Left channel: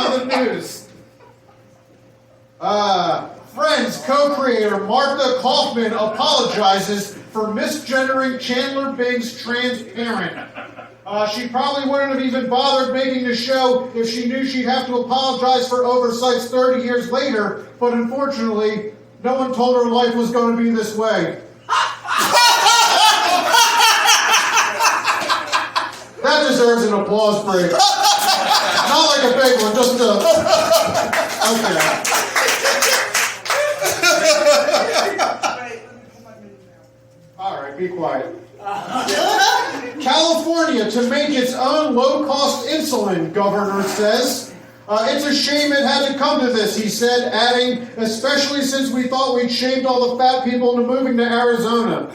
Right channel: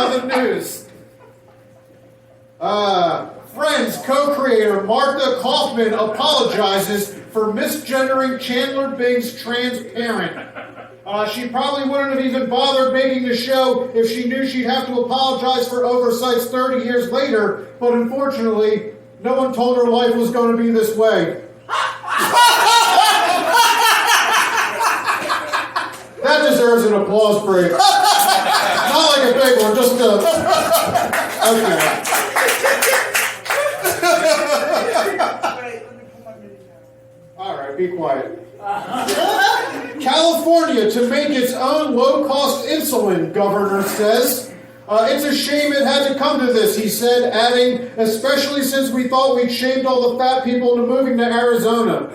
Now the news. Friends co-creator Martha Kaufman apologizes for misgendering Chandler Bing's transparent. She probably wouldn't have even bothered making the show if she knew she'd have to apologize for oversights 30 years later, but unfortunately, no one told her life was going to be this way. That deserves an applause break. Not like a big one, just a... Okay. All right, be quiet. California to make its own low-cost insulin, governor says. It's a shame it had to come to this, he said, adding, especially since we thought we'd shamed all the fat people into moving to Arizona.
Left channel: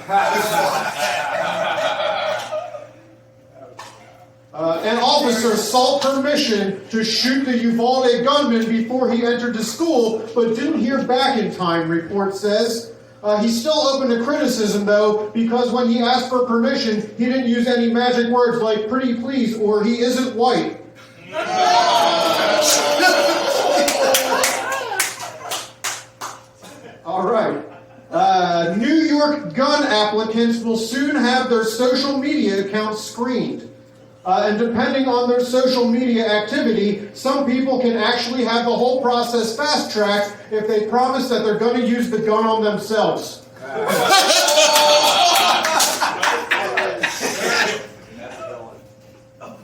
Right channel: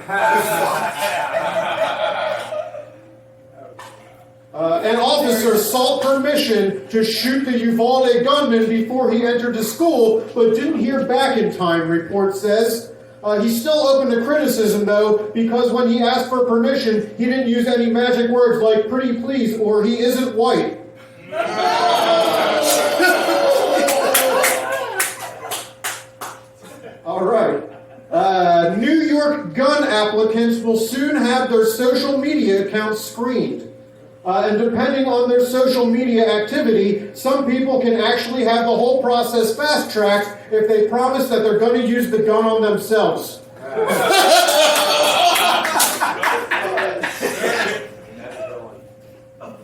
An officer sought permission to shoot the Uvalde gunman before he entered the school, but didn't hear back in time, report says. He's still open to criticism, though, because when he asked for permission, he didn't use any magic words like pretty please or he isn't white. All right. New York gun applicants will soon have their social media accounts screened. And depending on their social media activity, some people can actually have the whole process fast-tracked if they promise that they're going to use the gun on themselves.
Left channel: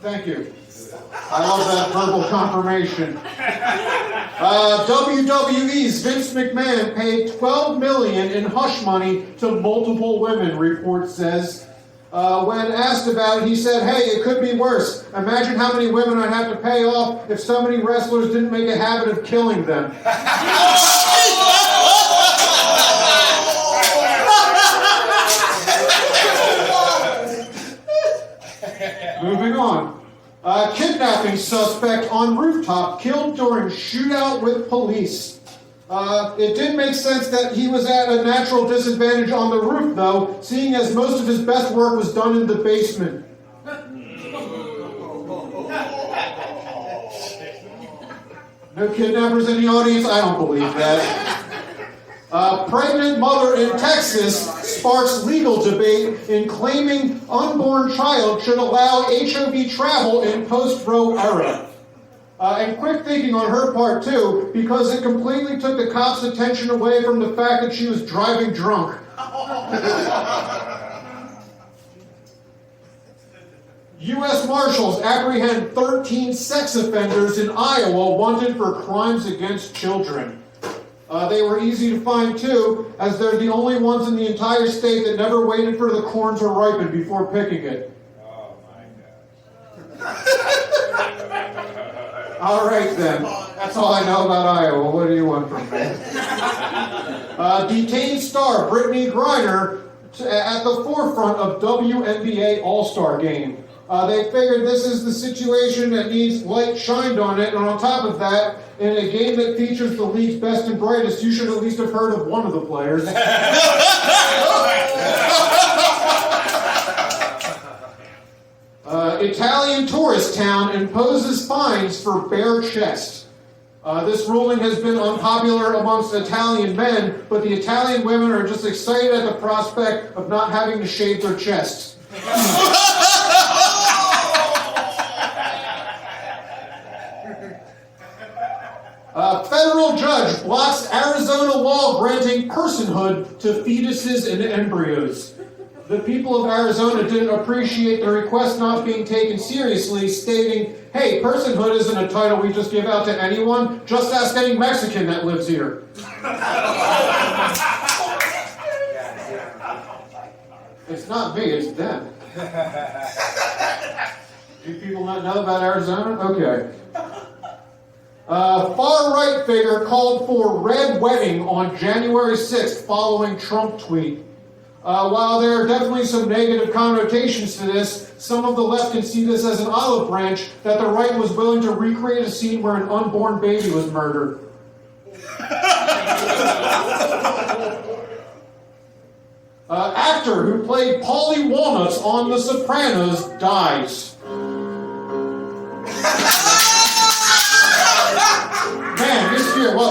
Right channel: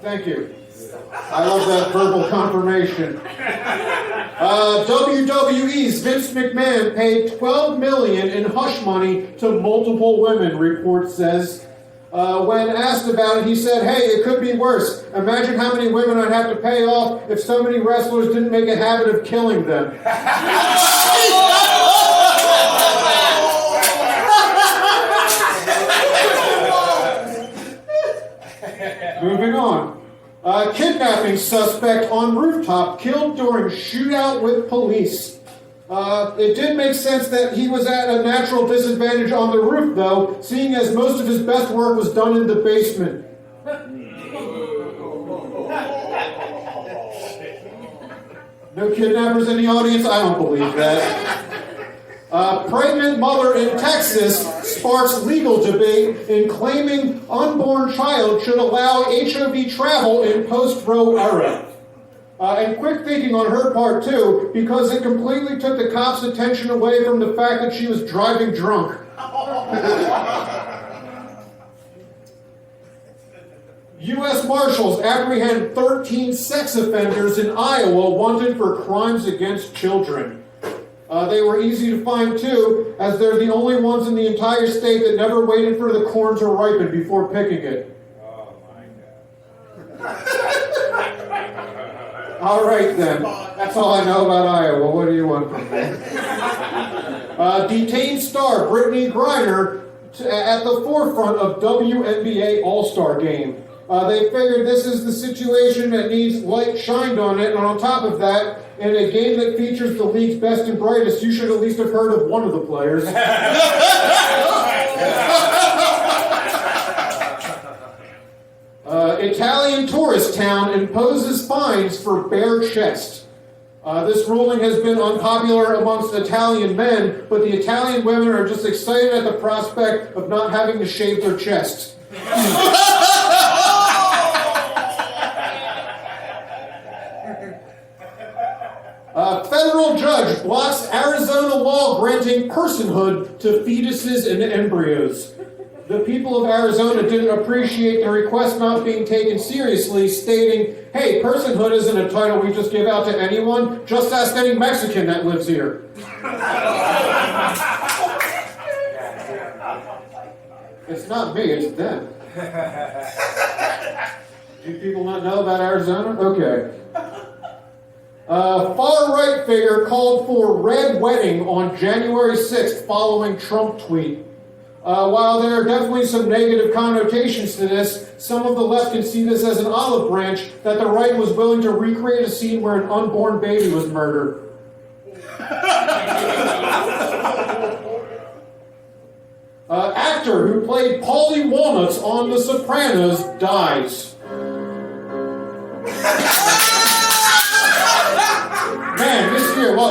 Thank you. I love that verbal confirmation. WWE's Vince McMahon paid $12 million in hush money to multiple women, report says. When asked about it, he said, hey, it could be worse. Imagine how many women I'd have to pay off if so many wrestlers didn't make a habit of killing them. Moving on. Kidnapping suspect on rooftop killed during shootout with police. It did make sense that he was at a natural disadvantage on the roof, though, seeing as most of his best work was done in the basement. No kidnappers in the audience? I don't believe that. Pregnant mother in Texas sparks legal debate in claiming unborn child should allow HOV travel in post-Roe era. And quick thinking on her part, too, because it completely took the cops' attention away from the fact that she was driving drunk. U.S. Marshals apprehend 13 sex offenders in Iowa wanted for crimes against children. They were easy to find, too, as they're the only ones in the entire state that never waited for the corn to ripen before picking it. Oh, my God. All right, then. That's all I know about Iowa. What do you want from me? Detained star Brittany Griner at the forefront of WNBA All-Star Game. They figured this is the situation that needs light shined on it, and on top of that, in a game that features the league's best and brightest, you should at least have heard of one of the players. Italian tourist town imposes fines for bare chest. This ruling has been unpopular amongst Italian men, but the Italian women are just excited at the prospect of not having to shave their chests. A federal judge blocks Arizona law granting personhood to fetuses and embryos. The people of Arizona didn't appreciate the request not being taken seriously, stating, hey, personhood isn't a title we just give out to anyone. Just ask any Mexican that lives here. It's not me, it's them. Do people not know about Arizona? Okay. Far-right figure called for red wedding on January 6th following Trump tweet. While there are definitely some negative connotations to this, some of the left can see this as an olive branch that the right was willing to recreate a scene where an unborn baby was murdered. Actor who played Paulie Walnuts on The Sopranos dies.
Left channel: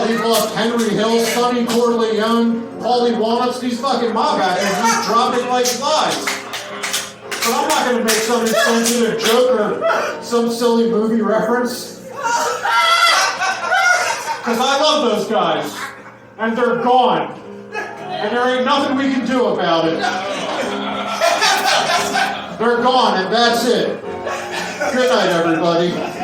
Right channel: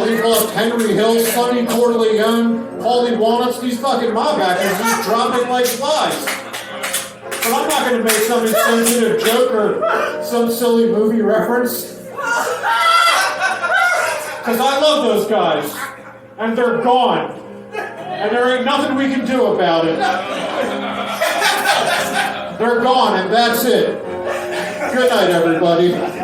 hell, we've lost Henry Hill, Sonny Corleone, Paulie Walnuts, these fucking mob actors just drop it like flies. But I'm not going to make some insensitive joke or some silly movie reference. Because I love those guys. And they're gone. And there ain't nothing we can do about it. They're gone, and that's it. Good night, everybody.